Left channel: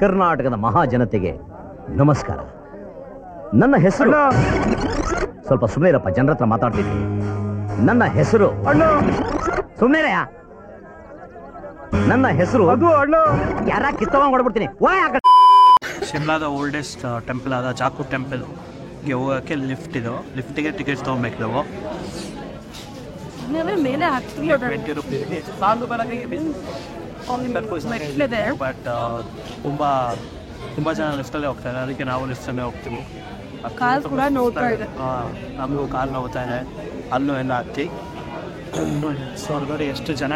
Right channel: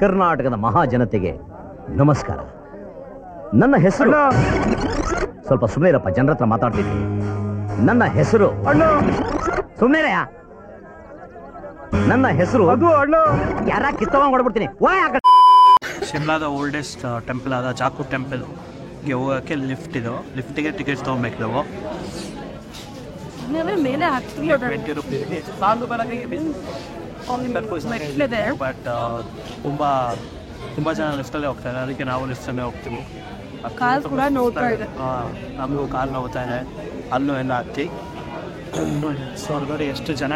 ಕರ್ನಾಟಕದ ಮಹಾಜನತೆಗೆ ನಮಸ್ಕಾರ. ನನ್ನ ಹೆಸರು ಸ್ವಲ್ಪ ಸುಮ್ಮನಿರಪ್ಪ, ಜನರ ಹತ್ರ ಮಾತಾಡ್ತಿದ್ದೀನಿ. ನನ್ನ ಹೆಸರು ಸುಮ್ಮನೆ, ನನ್ನ ಹೆಸರು ಯಾರ ಕಿತ್ತವಂಗ್ ಹೊಡ್ಬಿಡ್ತೀನಿ. ಶಿಮ್ಲಾದ ಓಲ್ಡೆಸ್ಟ್ ಟೆಂಪಲ್ ಆದ ಜಾಕು ಟೆಂಪಲ್ಗೆ ಹೋಗೋಕ್ಕೆ ಲಿಫ್ಟ್ ಇದು. ಲಿಫ್ಟಿಗೆ ಟಿಕೆಟ್ ತೊಗೊಬೇಕು ನಾವು. ಮೇಲೆ 20 ರೂಪೀಸ್ಗೆ ಬಟ್ ತುಂಬ ಜನ ಲಿಫ್ಟಲ್ಲೇ ಹೋಗ್ತಾರೆ, ಅದಕ್ಕೆ ನಾವು ಲಿಫ್ಟಲ್ಲೇ ಹೋಗ್ತೀವಿ. ನಮಗೂ ಕಾಲು ನೋವ್ತಾ ಇದೆ, ಅಲ್ಲೂ ಎಲ್ಲ ಹತ್ತಿ. ಸೊ ಹೊರಗಡೆ ಎಷ್ಟು ಜನ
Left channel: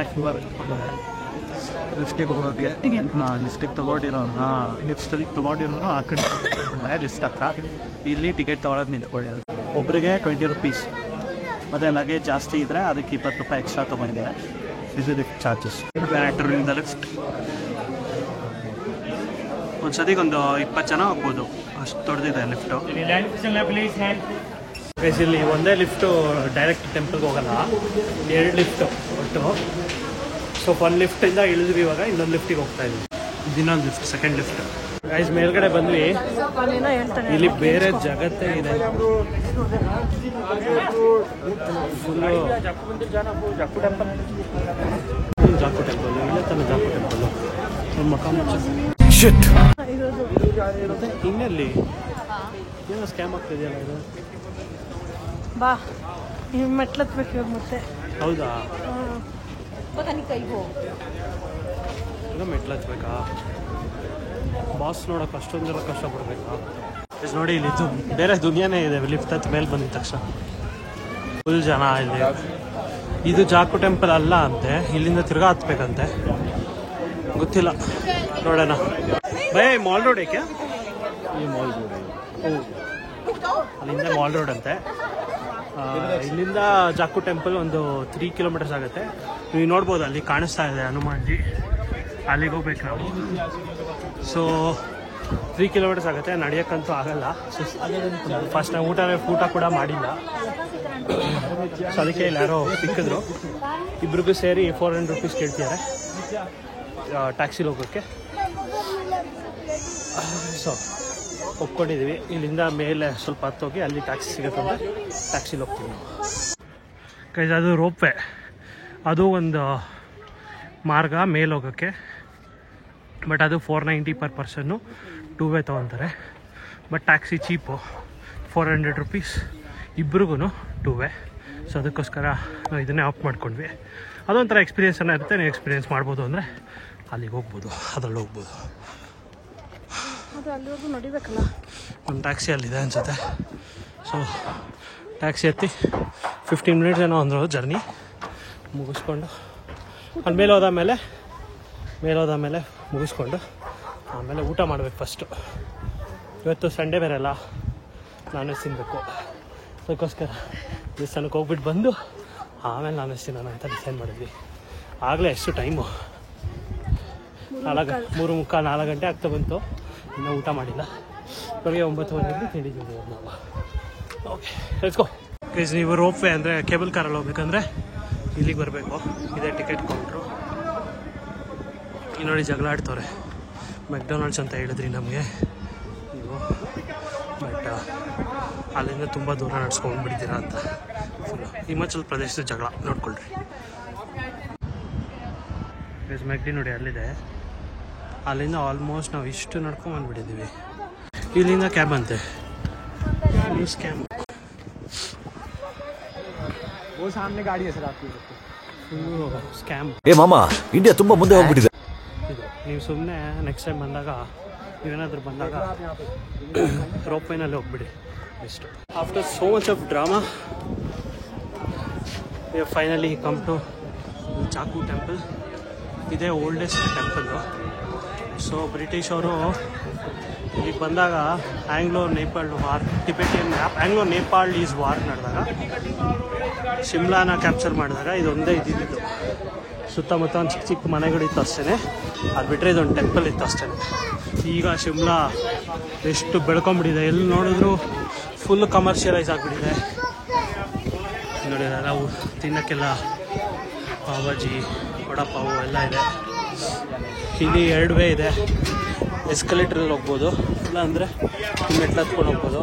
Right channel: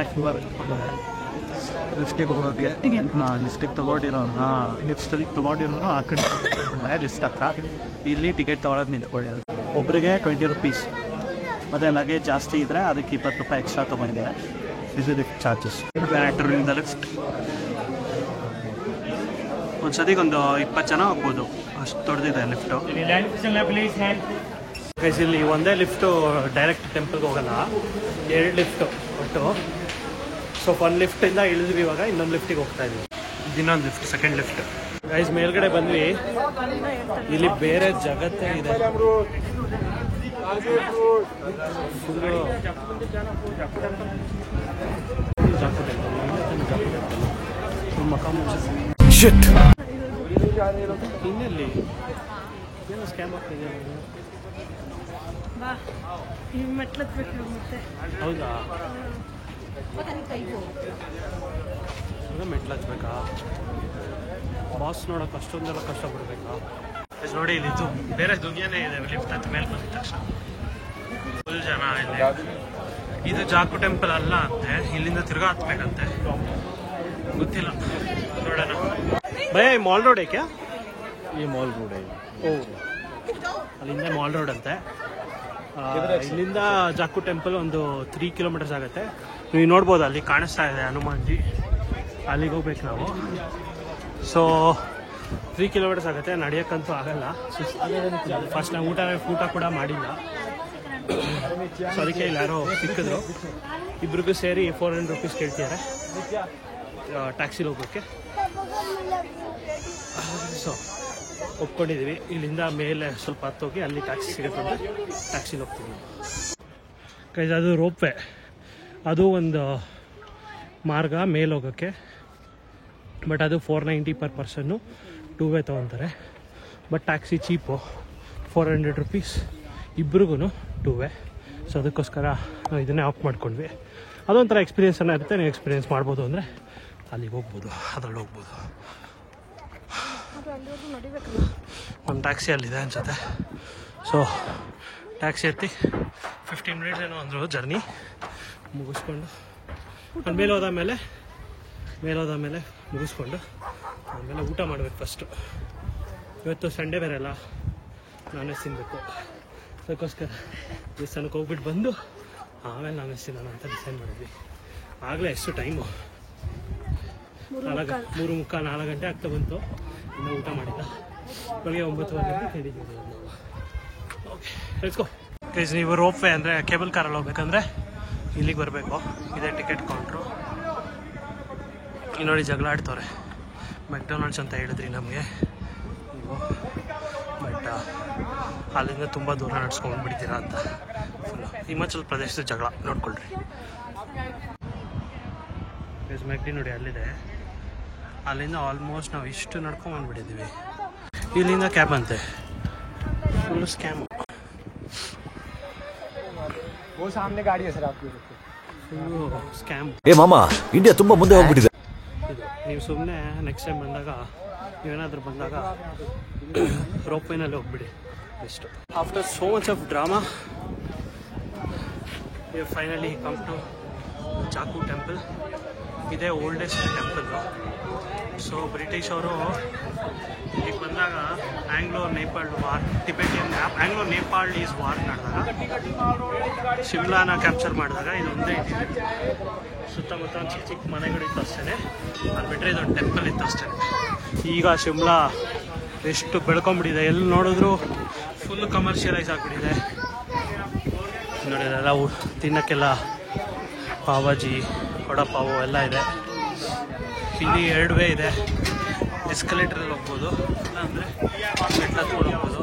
ಲಿಫ್ಟಿಗೆ ಹೋಗೋಕ್ಕೆ ಲಿಫ್ಟಿಗೆ ತೊಗೊಂಡಿರೋನು ಆ ಕಡೆ ಲಿಫ್ಟ್ ಹತ್ರ. ಇಲ್ಲಿ ಟಿಕೆಟ್ ತೊಗೊಳೋದು ನಿಂತ್ಕೊಳ್ಳಿ. ಒಬ್ಬರಿಗೆ 20 ರೂಪೀಸ್, ಮತ್ತು ಲಗೇಜ್ ಜಾಸ್ತಿ ಇದ್ದರೆ ಅದಕ್ಕೆ 20 ರೂಪಾಯಿ ಎಕ್ಸ್ಟ್ರಾ ತೊಗೊಂಡಿದ್ದಾರೆ. ಇದು ಲಿಫ್ಟ್ ಚಾರ್ಜಸ್. ಬ್ಯಾಟ್ರಿಂದ ಲಿಫ್ಟ್ ಒಂದು ಸತಿಗೊಂದು 20 ಜನ ಹೋಗ್ಬೋದು, ಅಷ್ಟು ದೊಡ್ಡದಿದೆ ಲಿಫ್ಟು. ಇಲ್ಲಿ ಒಂದೇ ಲಿಫ್ಟು ಡೈರೆಕ್ಟ್ ಟೆಂಪಲ್ಗೆ ಹೋಗಲ್ಲ, 2 ಲಿಫ್ಟು ಒಟ್ಟು. ಸೊ ಒಂದು ಲಿಫ್ಟಿಂದ ಇಳಿದ್ವಿ, ಇವಾಗ ಇನ್ನೊಂದು ಲಿಫ್ಟಿಗೆ ಹೋಗ್ತಾ ಇದ್ವಿ. ಇನ್ನೊಂದು ಲಿಫ್ಟ್, ಸೆಕೆಂಡ್ ಲಿಫ್ಟ್. ಗೈಸ್ ಮೇಲ್ಗಡೆ ಬಂದ್ವಿ, ಇಲ್ಲಿ ಬೇರೆ ಜಗತ್ತೇ ಇದೆ. ಫುಲ್ಲು ಜಾಕು ಟೆಂಪಲ್, ಇಲ್ಲೇ ತಾನೆ ಜಾಕು ಟೆಂಪಲ್ಲು. ಮಕ್ಕ ಮುಚ್ಚ ಮತ್ತೆ ಇನ್ನೆಲ್ಲಿ ಏನೋ ಸ್ಕ್ಯಾಮ್ ಆಗ್ತಿದೆಯಲ್ಲ ಇದು. ಮತ್ತೆ ಹೌದಾ, ಈಗ ಮೆಟ್ಲು ಹಚ್ಬೇಕಾ? ಬಾಸ್ ನೋಡೋಕೆ ಅಷ್ಟೊಂದೆಲ್ಲ ಕಷ್ಟಪಡ್ಬೇಕಾ? ನೋಡಿ ಇಲ್ಲಿ ಬೇರೆ ದುನಿಯಾನೇ ಇದೆ. ಲಿಫ್ಟ್ ಹತ್ತಿ ಮೇಲೆ ಬಂದಿದ ತಕ್ಷಣ ಫುಲ್ ಜನ. ಇಲ್ಲಿ ಇದು ಜಾಕು ಟೆಂಪಲ್ ಅಲ್ಲ ಅಂತೆ, ಇಲ್ಲಿಂದ ತಿರ್ಗಾ ಹತ್ಬೇಕಂತೆ, ಗೊತ್ತಿಲ್ಲ, ನೋಡೋಣ. ಭಯ ಮಾಲ್ ರೋಡ್ ಏಕೆ? ಓ, ಅಲ್ಲಿಂದ ಮಾಲ್ ರೋಡ್ ಅಂತೆ. ಇಲ್ಲಿಂದ ಜಾಕು ಟೆಂಪಲ್ ಒಂದು 3 ಕಿಲೋಮೀಟರ್ಸ್ ಆಗುತ್ತೆ. ನೀವು ನೋಡ್ಬೋದು, ಅಲ್ಲಿ ಕಾಣಿಸ್ತಾ ಇದೆ ಹನುಮಾನ್ಜಿ, ಅಲ್ಲಿಗೆ ಹೋಗ್ಬೇಕು ನಾವು. ಸೊ 3 ಕಿಲೋಮೀಟರ್ಸ್ ಆಗುತ್ತೆ, ನಡೆಯೋಕ್ಕಂತೂ ಆಗಲ್ಲ. ಫಸ್ಟ್ ನಾವು ಊಟ ಕೂಡ ಮಾಡಿಲ್ಲ, ಸೊ ಅದಕ್ಕೆ ಇಲ್ಲಿ ಯಾರೋ ಸಿಕ್ಕಿದ್ರು. ಇಬ್ರಿಗೂ ಸೇರಿ 400 ರೂಪೀಸ್ ಕೇಳ್ತಿದ್ದಾರೆ ಟ್ಯಾಕ್ಸಿಲಿ ಹೋಗೋಕ್ಕೆ. ಸೊ ಒಪ್ಕೊಂಡಿದ್ದೀವಿ. ಇಲ್ಲಿಂದ ಮೇಲೆ ಸ್ವಲ್ಪ ಹತ್ತೋಗಿ ಅಲ್ಲಿ ಟ್ಯಾಕ್ಸಿ ಸಿಗುತ್ತಂದ್ರೆ ಟ್ಯಾಕ್ಸಿಲಿ ಹೋಗ್ತೀವಿ ನಾವು. ಕೈಸ್ ಅದು ರೋಪ್ ವೇ, ಅದು ಒಂದು ಮಾರ್ಗ ಮೇಲೆ ಹೋಗೋಕ್ಕೆ. ಬಟ್ ಅದು 490 ಪರ್ ಪರ್ಸನ್ನು 2 ವೇ ತೊಗೊತಾರೆ. ಬಟ್ ಟ್ಯಾಕ್ಸಿ ಚೀಪು, 400 ರೂಪೀಸ್ ಇಬ್ರಿಗೂ 2 ವೇ. ಸೊ ಅದಕ್ಕೋಸ್ಕರ ನಾವು ಇದನ್ನೇ ಆಫ್ ಮಾಡ್ಕೊಂಡ್ವಿ. ಅದೊಂಥರ ಎಕ್ಸ್ಪೀರಿಯೆನ್ಸ್ ಅನ್ನೋ ಇರುತ್ತೆ. ನೀವು ಎಕ್ಸ್ಪೀರಿಯೆನ್ಸ್ ಮಾಡ್ಬೋದು ಅಂದರೆ ಅಲ್ಲಿಗೆ ಹೋಗ್ಬೋದು, ಅದರಲ್ಲಿ ಹೋಗ್ಬೋದು. ಒಂದು ಟ್ಯಾಕ್ಸಿ ಅಲ್ಲಿದೆ ಅನ್ಸುತ್ತೆ. ಸೊ ಟ್ಯಾಕ್ಸಿ ಹತ್ತಿ 15 ಮಿನಿಟ್ಸ್ ಏನೋ ಅಂದರು ಜರ್ನಿ ಮುಗಿಸ್ಕೊಂಡು, ಅಲ್ಲಿ ಮೇಲೆ ಹೋದಾಮೇಲೆ ಮುಗಿಸ್ಕೊಂಡು ಆಮೇಲೆ ಊಟ ಮಾಡಬೇಕು ಫಸ್ಟು. ಇವತ್ತು ಸಂಡೇ ಬೇರೆ ಅಲ್ಲ, ನಾನ್ ವೆಜ್ ತಿನ್ನಬೇಕು. ಅದಕ್ಕೋಸ್ಕರ ದೇವಸ್ಥಾನಕ್ಕೆ ಹೋಗ್ಬಿಟ್ಟು ಬಂದು ಆಮೇಲೆ ನಾನ್ ವೆಜ್ ತಿನ್ನೋಣ ಅಂತ ಡಿಸೈಡ್ ಮಾಡಿದ್ವಿ. ಆಗಲೇ ಎಷ್ಟು ಟೈಮು 3:45 4 ಗಂಟೆ ಆಗ್ತಾ ಬಂತು, ಇನ್ನೂ ಊಟ ಮಾಡಿಲ್ಲ. ಬೆಳಗ್ಗೆ 9:30 ಕೇಳಿದ್ದೀವಿ ನಾವು. Okay let's go. ಗೈಸ್, ನೀವು ರೋಪ್ ವೇ ಅಂದರೆ ಕೇಬಲ್ ಕಾರಲ್ಲಿ ಹೋಗ್ಬೇಕಂದ್ರೆ ಇಲ್ಲಿಗೆ ಬರಬೇಕು. ಇದೇ ಟಿಕೆಟ್ ಕೌಂಟ್ರು. ನೋಡಿ ಜಗಳ ಆಡ್ತವ್ರೆ. ಮೆಕ್ಡೊನಾಲ್ಡ್ಸ್ ಅಂತ ಹೇಳಿದ್ರಿ ನಮಗೆ ನೀವು, ಬಟ್ ಅಲ್ಲಿಂದ ತುಂಬ ದೂರ ನಡ್ಸ್ಕೊಂಡ್ಬಿಡ್ತೀರಾ ಅಂತ. ಫುಲ್ಲು ಹಿಮಾಚಲ್ ಪ್ರದೇಶದ ಜಗಳ ನೋಡ್ಕೊಳ್ರಿ. ಮೆಕ್ಡಿ ನೋಡಿ ಅಲ್ಲಿದೆ, ಅಲ್ಲಿಂದ ಆಲ್ಮೋಸ್ಟ್ ನಾವು ಇಷ್ಟು ನಡ್ಕೊಂಡ್ಬಂದ್ಬಿಟ್ಟಿದ್ದೀವಿ. ಇಲ್ಲಿಂದ ಕ್ಯಾಬ್ ಅಂತೆ, ಫುಲ್ಲು ಸ್ಕ್ಯಾಮು, ಫುಲ್ಲು ಸ್ಕ್ಯಾಮ್. ಏ ಮಾಮ, ಇಂಡಿಯಾ ತುಂಬ ಮುಂದೆ ಹೋಗ್ಬಿಟ್ಟಿದೆ. ಇದು ನೀವು ಸುಮ್ಮನೆ ನೆಕ್ಸ್ಟ್ ಟೈಮ್ ಬಂದಾಗ, ನೀವೇನಾದರೂ ಬಂದಾಗ ರೋಪ್ ವೇನಲ್ಲಿ ಹೋಗ್ಬಿಡಿ best. After so much of drama finally come to Jakhu temple. ಇದೇ ಓಲ್ಡೆಸ್ಟ್ ಟೆಂಪಲ್ಲು. ಸೊ ಬ್ರಿಟಿಷ್ ಅವರು ಇಲ್ಲಿಗೆ ಬಂದಾಗ Anglo Nepal war, Anglo Nepal is war ನಡೆದಾಗ ಶಿಮ್ಲಾನ ಕ್ಯಾಪ್ಚರ್ ಮಾಡಿದಾಗ ಇದೊಂದೇ ಇದ್ದಿದ್ದು. ಸುತ್ತಮುತ್ತ ಒಂದು ಚಿಕ್ಕ ಚಿಕ್ಕ ಮನೆಗಳಿತ್ತು ಅಷ್ಟೇ, ಅದು ಬಿಟ್ಟರೆ ಇದೊಂದು ಟೆಂಪಲ್ ಇತ್ತು ಅಷ್ಟೇ. ಈಗ ಶಿಮ್ಲಾ ಎಷ್ಟು ಬೆಳ್ಕೊಂಬಿಟ್ಟಿದೆ, ಎಲ್ಲಿ ನೋಡಿದ್ರು ಫುಲ್ ಕಮರ್ಷಿಯಲೈಸ್ ಆಗಿಬಿಟ್ಟಿದೆ. ನೋಡಿ ಎಲ್ಲ ತಿನ್ನೋಕ್ಕೆಲ್ಲ ಪಾವಾಜಿ, ವಡಾಪಾವು ಎಲ್ಲ ಇದೆ. ಇಲ್ಲಿ 2 ವೇ ಇದೆ. ಎಸ್ಕಲೇಟ್ರಲ್ಲಿ ಹೋಗ್ಬೋದು, ಇಲ್ಲಾಂದರೆ ಮೆಟ್ಲು ಹತ್ಕೊಂಡು ಹೋಗ್ಬೋದು.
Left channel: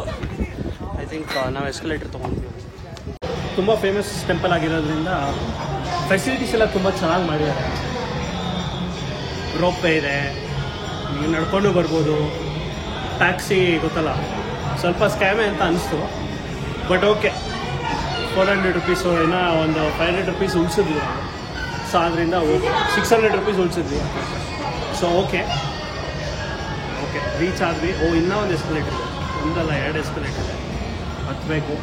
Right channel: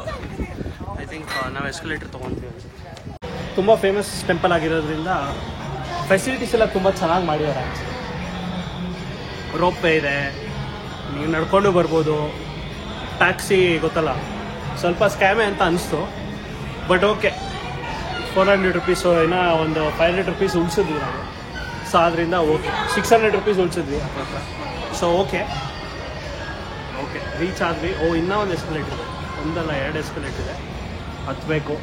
ಐ ಥಿಂಕ್ ನಾವು ಎಸ್ಕಲೇಟರ್ ತೊಗೊತೀವಿ. ತುಂಬ ಫೇಮಸ್ ಟೆಂಪಲ್ ಆಗಿರೋದ್ರಿಂದ ಫೆಸಿಲಿಟೀಸ್ ಎಲ್ಲ ತುಂಬ ಚೆನ್ನಾಗಿ ಮಾಡಿದ್ದಾರೆ. ರೋಪ್ ವೇ ಇದೆ, ನೀವು ನಡ್ಕೊಂಡು ಬರ್ಬೋದು. ಟ್ಯಾಕ್ಸಿ ಗೊತ್ತಲ್ಲ, ಸ್ವಲ್ಪ ಸ್ಕ್ಯಾಮೇ ಅಂತ ಅನಿಸ್ತು, ಬಟ್ ಓಕೆ. 400 ರುಪೀಸು ಏನೋ ಒಂದು 500 ರುಪೀಸ್ ಉಳಿಸಿದ್ವಿ ನಾವು. ಸೊ ಅದರಿಂದ ಓಕೆ, 600 ರುಪೀಸ್ ಉಳಿಸಿದ್ವಿ. ಸೊ ಓಕೆ ರೀಚ್ ಆದ್ವಿ. ಇನ್ನೂ ಒಂದು ಎಸ್ಕಲೇಟರ್ ಇದೆ, ಒಂದಲ್ಲ 2 ಎಸ್ಕಲೇಟರ್ ಇದೆ, ಹತ್ತಬೇಕು.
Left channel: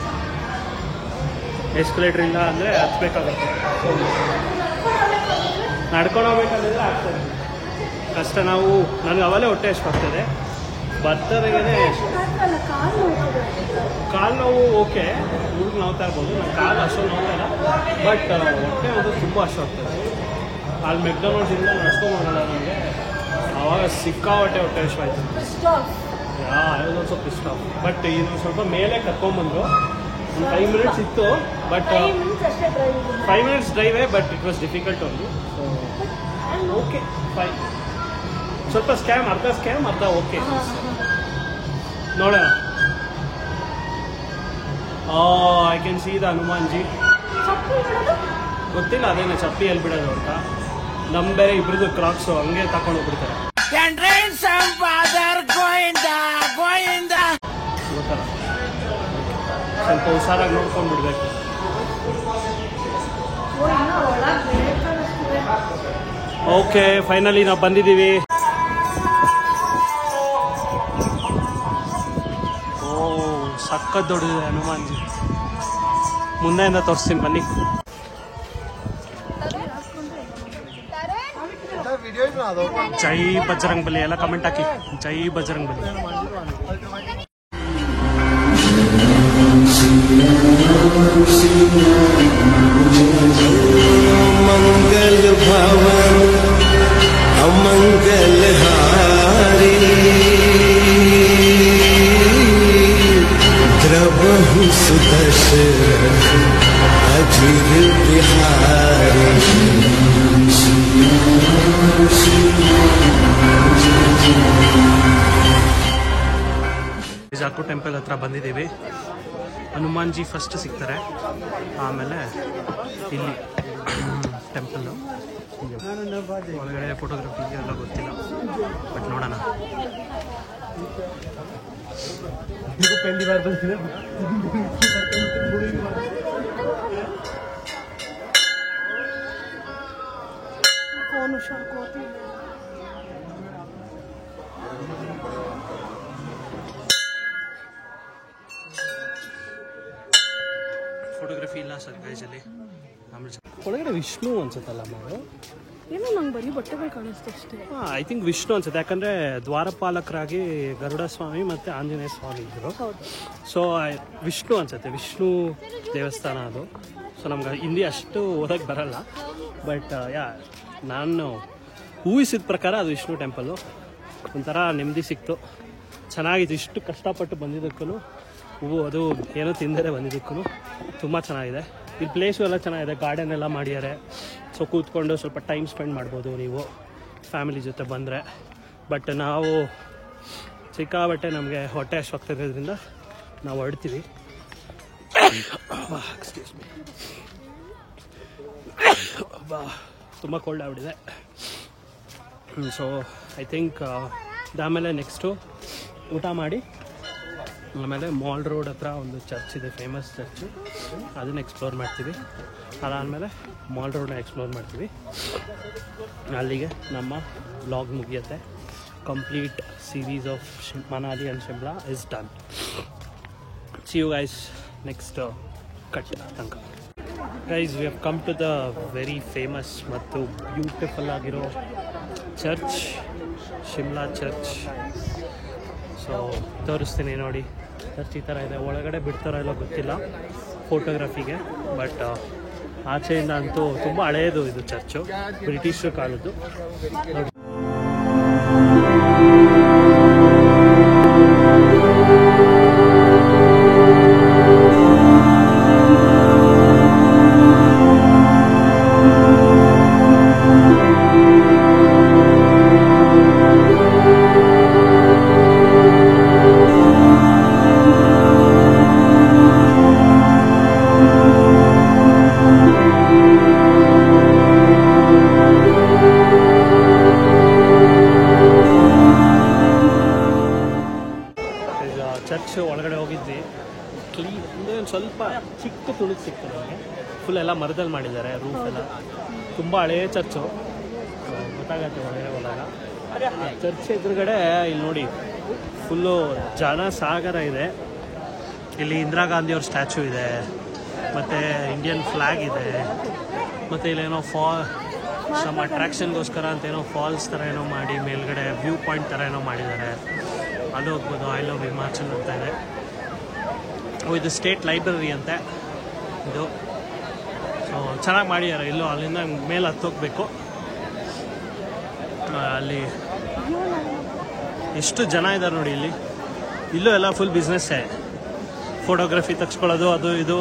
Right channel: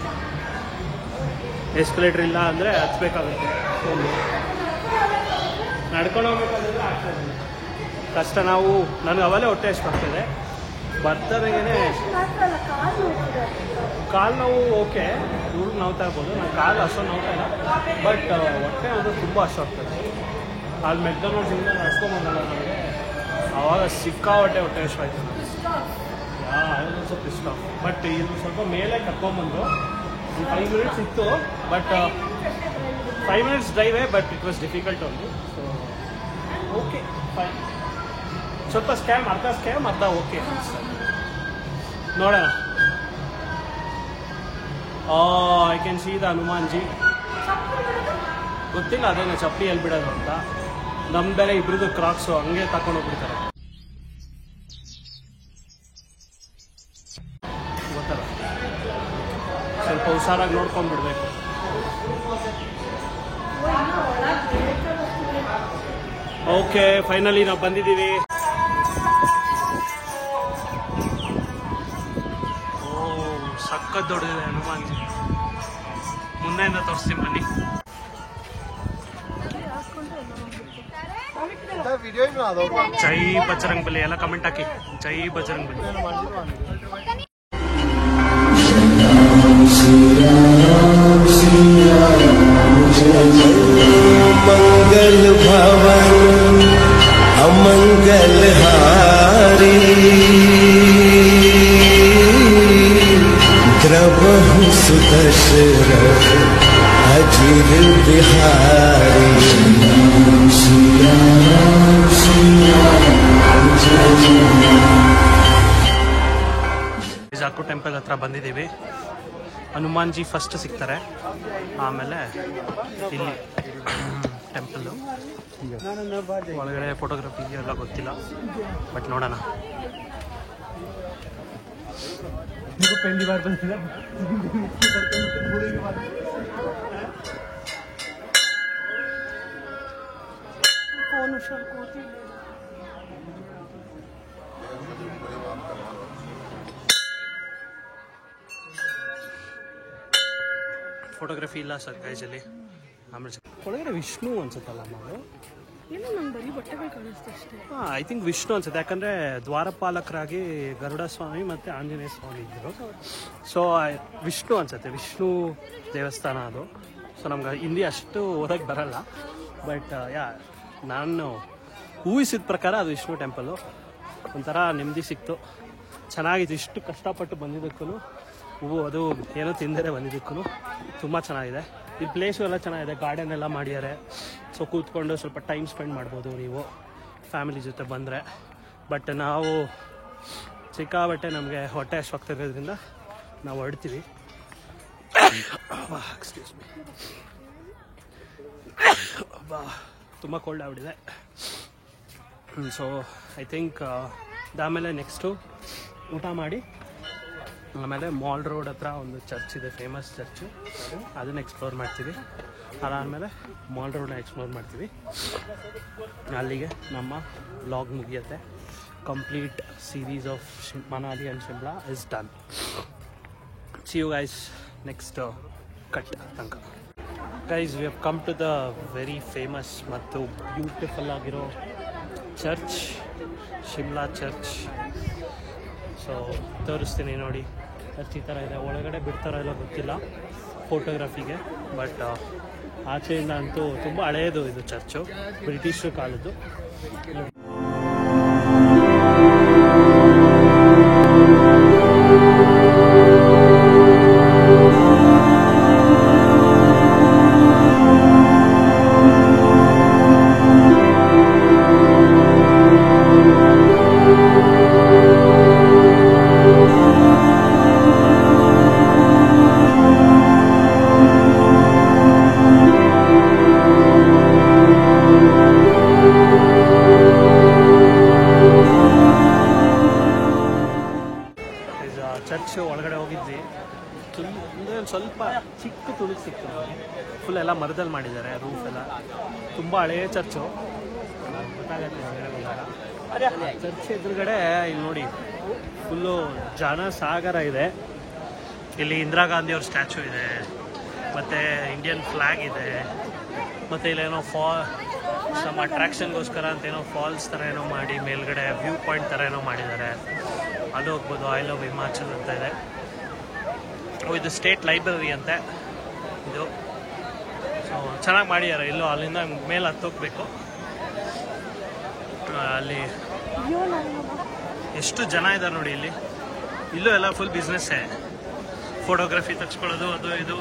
ಎಸ್ಕಲೇಟರ್ ಇಲ್ಲ ಅಂದರೆ ಹತ್ಬೇಕಾಗತ್ತೆ. ನಡ್ಕೊಂಡು ಹೋಗ್ಬೇಕಂದ್ರೆ ಆಗ್ತಾಯಿಲ್ಲ, ಕಷ್ಟ. ನನಗೆ ಅವಲೇ ಹೊಟ್ಟೆ ಎಷ್ಟು ಆಗ್ತಾಯಿದೆ. ಬರ್ತಾದಾಗೇ ಕಾಲು ನೋವು ಓಕೆ, ಹುಡುಗ ನೋವ್ತಾ ಇರ್ಬೋದು. ನನ್ನ ಕಾಲು ಅಷ್ಟೊಂದು ನೋವ್ತಾ ಇಲ್ಲ, ಬಟ್ ಹೊಟ್ಟೆ ಅಂತೂ ತುಂಬ ಅಷ್ಟು ಆಗ್ತದೆ. ಅಲ್ಲಿ ಮೆಕ್ಡೊನಾಲ್ಡ್ಸಿಂದ ನಡ್ಸ್ಕೊಂಬಂಗಲ್ಲ ನನಗೆ, ಆವಾಗ ಸಿಕ್ಕಾಪಟ್ಟೆ ಹೊಟ್ಟೆ ಅಷ್ಟು ಆಯಿತು ನನಗೆ. ಒಂದು ಸ್ವಲ್ಪ ಇಷ್ಟ. ಬಟ್ ಇನ್ನು ಸ್ವಲ್ಪ ಮೇಲೆ ಕರ್ಕೊಂಬಂದರು. ಒಂದು 5 ಮಿನಿಟ್ಸ್ ಇತ್ತು, ಬಟ್ 5 ಮಿನಿಟ್ಸ್ ಡ್ರೈವೇ, but it was difficult only. So okay fine. ಸ್ವಲ್ಪ ಅರ್ಧ ಸ್ಕ್ಯಾಮ್ ಅರ್ಧ ಓಕೆ ನೋಡೋಣ. I can see the Hanumanji. ಗೊತ್ತಿಲ್ಲ ಅದೇನೆ ಚಪ್ಪಲಿ ಎಲ್ಲಿ ಬಿಡೋದು ಅಂತ. ನಮ್ ಬೇರೆ ಇಬ್ರದ್ದು ಕ್ರಾಕ್ಸು ಹಂಗೆ ತಕೊಂಡು ಹೋಗ್ಬಿಡ್ತಾರೆ, ಗೊತ್ತಲ್ಲ. ಸ್ವಲ್ಪ ಹುಷಾರಾಗಿ ನೋಡ್ಕೊಂಡು ಬಿಡ್ಬೇಕು. ಓಕೆ ಫೈನಲಿ ನಾವು ಬಂದಿದ್ದೀವಿ. ಸಖತ್ ದೊಡ್ಡದಿದೆ ಹನುಮಾನ್ಜಿ. ಮುಂದೆಯಿಂದ ತೋರಿಸ್ತೀನಿ ಬನ್ನಿ. ಜೈ ಬಜರಂಗ್ ಬಲಿ ಎಲ್ಲ ಕಮೆಂಟ್ ಹಾಕಿ. ಜೈ ಬಜರಂಗ್ ಬಲಿ. मंगल भवन अमंगल हारी द्रवहु सुदशरथ अजिर बिहारी. ಜಾಕು ಟೆಂಪಲ್ ಹತ್ರ ಬಂದಿದ್ದೀವಿ. ಹನುಮಾನ್ಜಿ ಫಸ್ಟ್ ಸಿಗ್ತಾರೆ, ಆಮೇಲೆ ಇಲ್ಲಿ ಟೆಂಪಲ್ಲು ಒಳಗಡೆ ಫೋಟೋಗ್ರಫಿ ಎಲ್ಲ ಗೊತ್ತಿಲ್ಲ, ಬಟ್ ನೋಡೋಣ. ಫೋಟೋಗ್ರಫಿ ಇಲ್ಲ ಸರ್ ಗೈಜಲ್ಲಿ. ಆಮೇಲೆ ಒಳಗಡೆ ವಿಷ್ಣು ಅನ್ಸುತ್ತಲ್ಲ ನಾವು, ಏನೋ ನಂಗೆ ಬರೀ ಬಟ್ಟೆಗಳು ಕಾಣಿಸ್ತು ಅಷ್ಟೇ. ಐ ಥಿಂಕ್ ವಿಷ್ಣು ಅನ್ಸುತ್ತೆ, ಯಾಕಂದ್ರೆ ದ್ವಾರಪಾಲಕರಾಗಿ ಗರುಡ ಸ್ವಾಮಿ ಮತ್ತೆ ಆಂಜನೇಯ ಸ್ವಾಮಿ ಇದ್ರು. ಸೊ ವಿಷ್ಣು ಅನ್ಸುತ್ತೆ, ವಿಷ್ಣು ದೇವಸ್ಥಾನ ಅದು. ಸೊ ನಮ್ಗೆ ಹಿಂದಿ ಅಷ್ಟು ಓದಕ್ಕೆ ಬರಲ್ಲ, ಬಟ್ ನಾನು ಊಹಿಸಿದ ಪ್ರಕಾರ ಅದು ವಿಷ್ಣು ಟೆಂಪಲ್ಲು. ಒಂಥರ ನೆಮ್ಮದಿ ಸಿಕ್ತು, ಚೆನ್ನಾಗಿತ್ತು. ಇಷ್ಟು ಕಷ್ಟಪಟ್ಟು ಬಂದಿದ್ದಕ್ಕೂ ಅದು ಏನೋ ತಿಂದರೆ ಬಂದಿದ್ದಕ್ಕೂ ತುಂಬ ಚೆನ್ನಾಗಿದೆ. ಇಲ್ಲಿ ಪ್ಲೇಸು ಎಲ್ಲ ಚೆನ್ನಾಗಿದೆ, ಗಾರ್ಡನ್ ಎಲ್ಲ ಮಾಡಿದ್ದಾರೆ. ಸೊ ಕೂತ್ಕೊಂಡು ಸ್ವಲ್ಪ ಟೈಮ್ ಸ್ಪೆಂಡ್ ಮಾಡ್ಬೋದು ನೀವು ಫ್ಯಾಮಿಲಿ ಜೊತೆ ಬಂದರೆ. ಬಟ್ ನಾವು ಸಿಕ್ಕಾಬಟ್ಟೆ ನಮಗೆ ಹೊಟ್ಟೆ ಅಶ್ವಾಗ್ತಿರೋದ್ರಿಂದ ನಾವು ಹೊರಡ್ತೀವಿ. ಎಕ್ಸ್ಕ್ಯೂಸ್ ಮೀ, ತುಂಬ ಕೋಲ್ಡ್ ಆಗ್ಬಿಟ್ಟಿದೆ. ಸೊ ಐ ಥಿಂಕ್ ಅದಾದಮೇಲೆ ನೆಕ್ಸ್ಟು ಊಟ ಮಾಡಿ ಆಮೇಲೆ ಮಾಲ್ ರೋಡ್ ಹತ್ರ ಒಂದು ಚರ್ಚ್ ಇದೆ, ಫೇಮಸ್ ಚರ್ಚು, ಅದನ್ನು ಎಕ್ಸ್ಪ್ಲೋರ್ ಮಾಡ್ತೀವಿ. ಅದಾದಮೇಲೆ ಮಾಲ್ ರೋಡ್ನ ಎಕ್ಸ್ಪ್ಲೋರ್ ಮಾಡ್ತೀವಿ. ಅಲ್ಲಿಗೆ ನಮ್ಮ ವ್ಲಾಗ್ ಮುಗಿಯುತ್ತೆ. Complete series of Manali and Shimla is done. See you guys next cut ತನಕ. Guys we have come to the very famous ಮತ್ತು ಬ್ಯೂಟಿಫುಲ್ ಆಗಿರೋ ಚರ್ಚ್, ಶಿಮ್ಲಾ ಚರ್ಚ್. ಸೊ ತೋರಿಸ್ತೀನಿ ನೋಡಿ. ಚರ್ಚ್ ಈ ಥರ ಇದೆ, ಒಳಗಡೆ ಬಿಡ್ತಾರೋ ಎಲ್ಲ ಗೊತ್ತಿಲ್ಲ ಫೋಟೋಗ್ರಫಿಗೆ, ಬಟ್ ಆಚೆಯಿಂದ ಅಂತೂ ತುಂಬ ಹಳೆಯದು ಇದು ಚರ್ಚು, ಬ್ರಿಟಿಷ್ ಕಾಲದ್ದು. ಸ್ವಲ್ಪ ಚಿಕ್ಕ ತುಣುಕು ಸಿಕ್ತು ನಮಗೆ. ಫುಲ್ ಎಲ್ಲ ಮರದಲ್ಲಿ ಮಾಡಿದ್ದಾರೆ, ರೂಫ್ ಎಲ್ಲ. ತುಂಬ ಹಳೆಯ ಚರ್ಚು, ಗೊತ್ತಾಗತ್ತೆ ಒಳಗಡೆ ಹೋದಾಗ. ಆ ಚರ್ಚ್ ಎದುರುಗಡೆ ಇಲ್ಲಿ ನೋಡಿ ಫುಲ್ಲು ಜನ ಸಾಗರ ಇದೆ. ಇಲ್ಲಿ ಇಂದಿರಾ ಗಾಂಧಿ ಅವ್ರ ಸ್ಟ್ಯಾಚು ಇದೆ, ಮತ್ತು ಇಂಡಿಯನ್ ಫ್ಲ್ಯಾಗ್ ಇದೆ, ಮತ್ತು ಇಲ್ಲೇನೋ ಸಮ್ ಅಟ್ರಾಕ್ಷನ್ಗೋಸ್ಕರ ಅಂತ ಏನೋ ಫಾಲ್ಸ್ ಥರ ಏನೋ ಮಾಡಿ ಮೇಲ್ಗಡೆ ವ್ಯೂ ಪಾಯಿಂಟ್ ಥರ ಏನೋ ಮಾಡಿದ್ದಾರೆ. ಅಲ್ಲಿ ಹೋಗ್ಬೋದು. ಐ ಲವ್ ಹಿಮಾಚಲ್ ಅಂತ ಇದೆ. ಇದು ಸ್ಟೇಟ್ ಲೈಬ್ರರಿ ಅಂತೆ ಇದು. ಸೊ ಚೆನ್ನಾಗಿ ಮಾಡಿದ್ದಾರೆ. ಇಲ್ಲೋ ಅಲ್ಲಿಂದ ಮೇಲೆ ಹತ್ತೋಗ್ಬೇಕು. ಅಲ್ಲಿ ಎಷ್ಟು ಜನ ಇದ್ದಾರೆ ನೋಡಿ ಇಲ್ಲಿ. ಇಲ್ಲೂ ಎಲ್ಲ ಫುಲ್ ಬಿಸ್ನೆಸ್ಸೇ, ಫೋಟೋಗ್ರಫಿ ತೆಗೆಸ್ಕೊಳ್ಳೋದು ಅದು ಇದು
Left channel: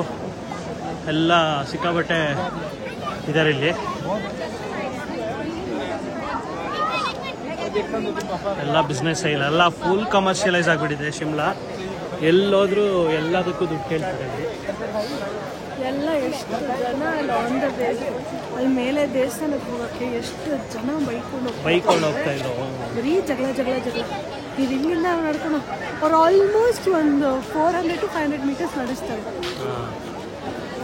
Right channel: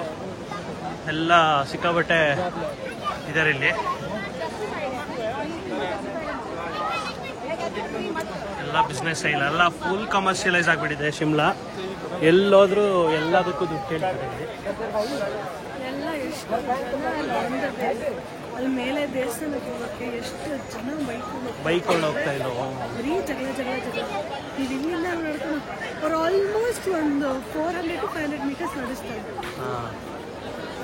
ಎಲ್ಲ ಸಿಕ್ಕಾಬಟ್ಟೆ ಇದ್ದಾರೆ ಇಲ್ಲಿ. ಎಲ್ಲ ಬಿಸ್ನೆಸ್ ಇಲ್ಲ, ಎಲ್ಲ ಫುಲ್ ಕಮರ್ಷಿಯಲೈಸ್ ಆಗಿಬಿಟ್ಟಿದೆ ಶಿಮ್ಲಾ. ಎಲ್ಲೋದ್ರೂ ಎಲ್ಲದಕ್ಕೂ ದುಡ್ಡು ಕೇಳ್ತಾರೆ ಇಲ್ಲಿ. ಎಲ್ಲ ಎಷ್ಟು ಜನ ಅಲ್ಲಿ ಆನ್ ದ ವೇ, ಅಲ್ಲಿ ಮೇಲೆ ದೇವಸ್ಥಾನಕ್ಕೆ ಹೋಗಕ್ಕೆ ಎಷ್ಟು ಜನ ಬೈಕೊಂಡು ಹೋಗ್ತಾ ಇದ್ರು. ಬರೀ ಜಗಳ ಈಗ ಇಲ್ಲಿಂದ ನಡ್ಕೊಂಡು ಅವ್ರು ಆಲ್ಮೋಸ್ಟ್ ಒಂದು 400 to 500 ಮೀಟರ್ಸ್ ನಡೆಸ್ತಾ ಇದ್ದಾರೆ.